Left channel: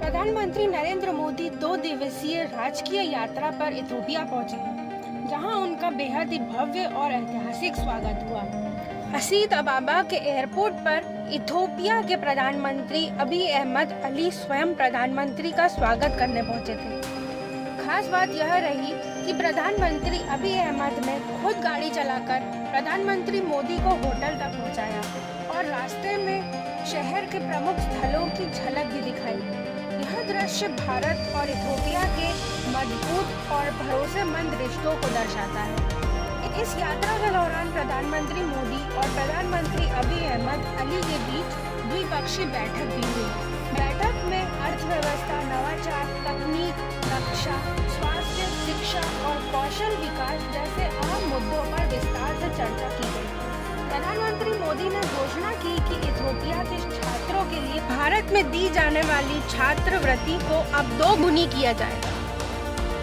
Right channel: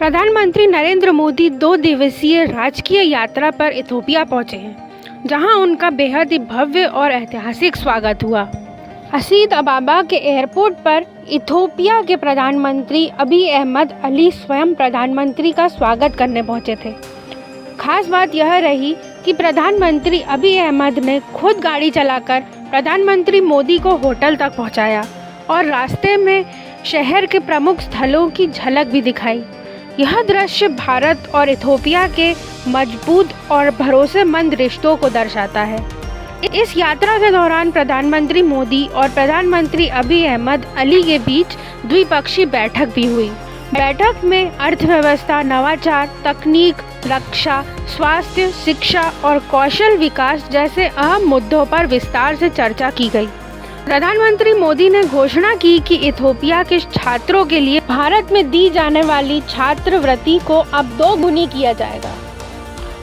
प्रधानमंत्री नरेंद्र मोदी 2 दिवसीय राजकीय यात्रा पर इथोपिया पहुंचे हैं, जहां उनका बेहद ही भव्य और ऐतिहासिक स्वागत हुआ। असीस अबाबा के एयरपोर्ट पर इथोपिया के प्रधानमंत्री अबी अहमद अली स्वयं प्रधानमंत्री का स्वागत करने पहुंचे थे। खास बात यह रही कि प्रधानमंत्री अबी अहमद ने खुद गाड़ी चलाकर प्रधानमंत्री मोदी को होटल तक पहुंचाया और रास्ते में शहर के प्रमुख स्थलों की झलक भी दिखाई। यह दृश्य भारत और इथोपिया के मजबूत और भरोसेमंद रिश्तों को दर्शाता है। इस यात्रा के दौरान प्रधानमंत्री मोदी और प्रधानमंत्री अबी अहमद अली के बीच द्विपक्षीय बैठक भी हुई। बैठक में अर्थव्यवस्था, नवाचार, तकनीक, रक्षा, स्वास्थ्य, शिक्षा और कौशल विकास जैसे अहम मुद्दों पर विस्तार से चर्चा की गई। प्रधानमंत्री मोदी ने घोषणा की कि इथोपिया के छात्रों के लिए भारत में दी जाने वाली छात्रवृत्ति को अब 2 गुनी किया जाएगा।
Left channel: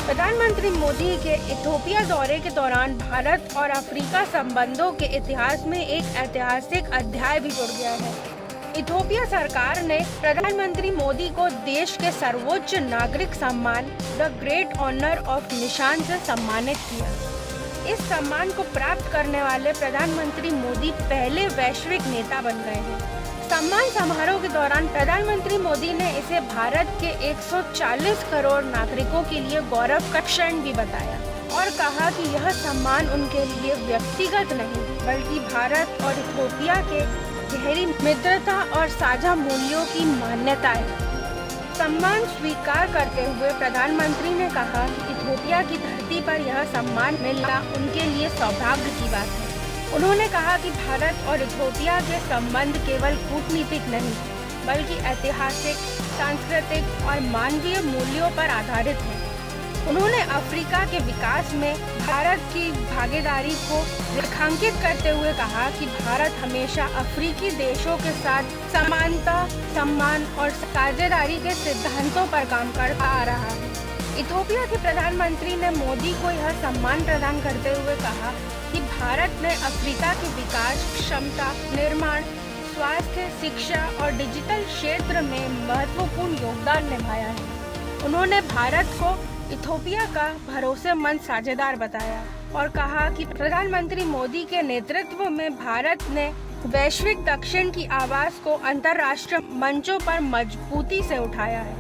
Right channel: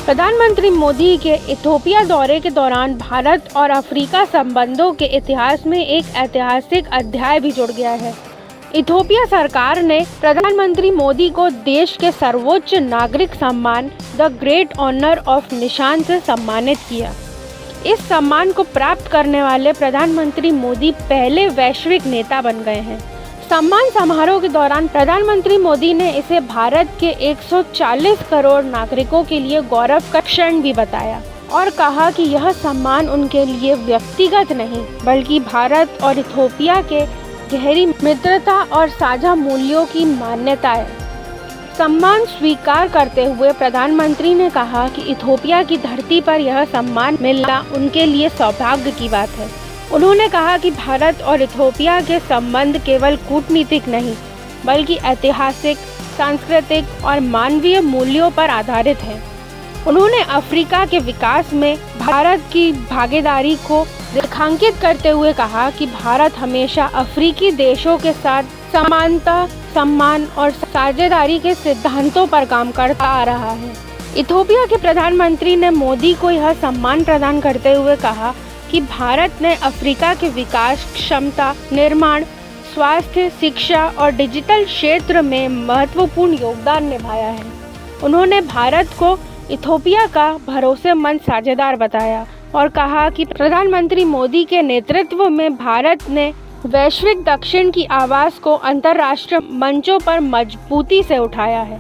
प्रधानमंत्री मोदी के इथोपिया दौरे के दौरान भारत और अफ्रीका संबंधों के इतिहास में एक ऐतिहासिक अध्याय भी जुड़ गया है। इथोपिया सरकार ने प्रधानमंत्री मोदी को देश के सर्वोच्च नागरिक सम्मान द ग्रेट ऑनर ऑफ निशान से सम्मानित किया। इस सम्मान को प्राप्त करने वाले प्रधानमंत्री मोदी पहले वैश्विक नेता बन गए हैं। सम्मान समारोह के दौरान प्रधानमंत्री मोदी ने इसे भारत के 140 करोड़ नागरिकों के लिए गौरव का क्षण भी बताया और कहा कि यह सम्मान उनके लिए व्यक्तिगत नहीं बल्कि भारत और इथोपिया के गहरी मित्रता और साझा मूल्यों की मान्यता है। सम्मान स्वीकार करते हुए प्रधानमंत्री ने कहा कि इथोपिया की धरती पर यह सम्मान मिलना उनके लिए सौभाग्य की बात है। उन्होंने कहा कि भारत और इथोपिया के संबंध केवल कूटनीतिक नहीं बल्कि ऐतिहासिक, सांस्कृतिक और मानवीय मूल्यों पर आधारित है। उन्होंने अफ्रीका के विकास में भारत की भागीदारी को रेखांकित करते हुए कहा कि भारत हमेशा अफ्रीकी देशों के साथ समानता, सम्मान और साझेदारी के सिद्धांतों पर काम करता आ रहा है। इथोपिया के प्रधानमंत्री ने मोदी को यह सम्मान प्रदान करते हुए कहा कि भारत ने अफ्रीका के विकास, क्षमता निर्माण, स्वास्थ्य, शिक्षा और डिजिटल क्षेत्र में महत्वपूर्ण योगदान निभाया है। उन्होंने भारत को इथोपिया का भरोसेमंद साझेदार बताया और कहा कि प्रधानमंत्री मोदी के नेतृत्व में भारत ने वैश्विक दक्षिण की आवाज़ को अंतर्राष्ट्रीय मंचों पर मजबूती से उठाया है।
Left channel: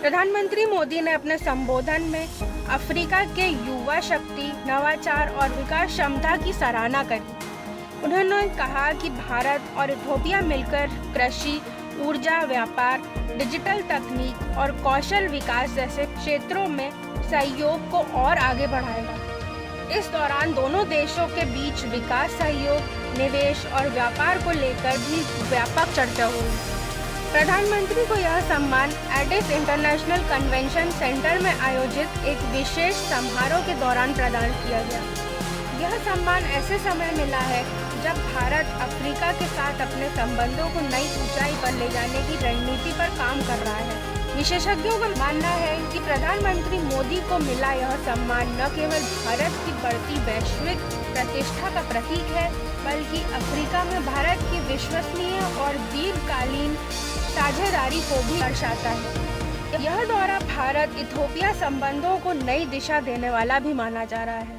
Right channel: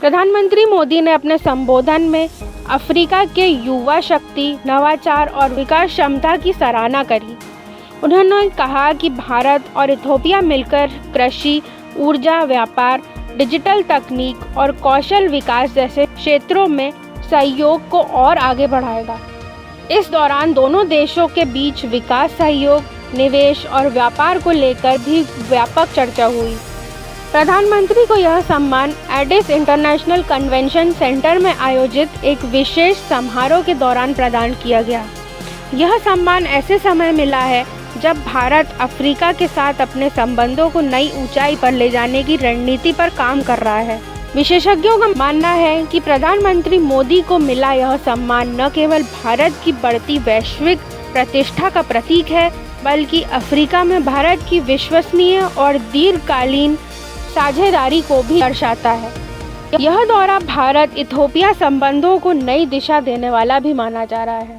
प्रधानमंत्री मोदी ने अपने संबोधन में अफ्रीका के युवा शक्ति, नवाचार और विकास क्षमता की सराहना करी। उन्होंने कहा कि भारत और इथोपिया मिलकर कृषि, ऊर्जा, व्यापार, डिजिटल तकनीक और कौशल विकास जैसे क्षेत्रों में सहयोग को और आगे बढ़ाएगा। इस दौरान दोनों देशों के बीच विकास सहयोग, निवेश और व्यापार को लेकर भी व्यापक चर्चा हुई। प्रधानमंत्री को यह सम्मान एडिस इंटरनेशनल कन्वेंशन सेंटर में आयोजित एक विशेष समारोह के दौरान प्रदान किया गया। यह सम्मान ऐसे समय मिला है जब भारत अफ्रीका के साथ अपने संबंधों को नई ऊंचाई पर ले जाने की रणनीति पर काम कर रहा है। विशेषज्ञों का मानना है कि प्रधानमंत्री मोदी को मिला यह सम्मान न केवल भारत की बढ़ती वैश्विक प्रतिष्ठा का प्रतीक है बल्कि अफ्रीका में भारत की विश्वसनीय और दीर्घकालीन साझेदारी को भी दर्शाता है। यह दौरा भारत इथोपिया संबंधों को नई दिशा देने वाला भी माना जा रहा है।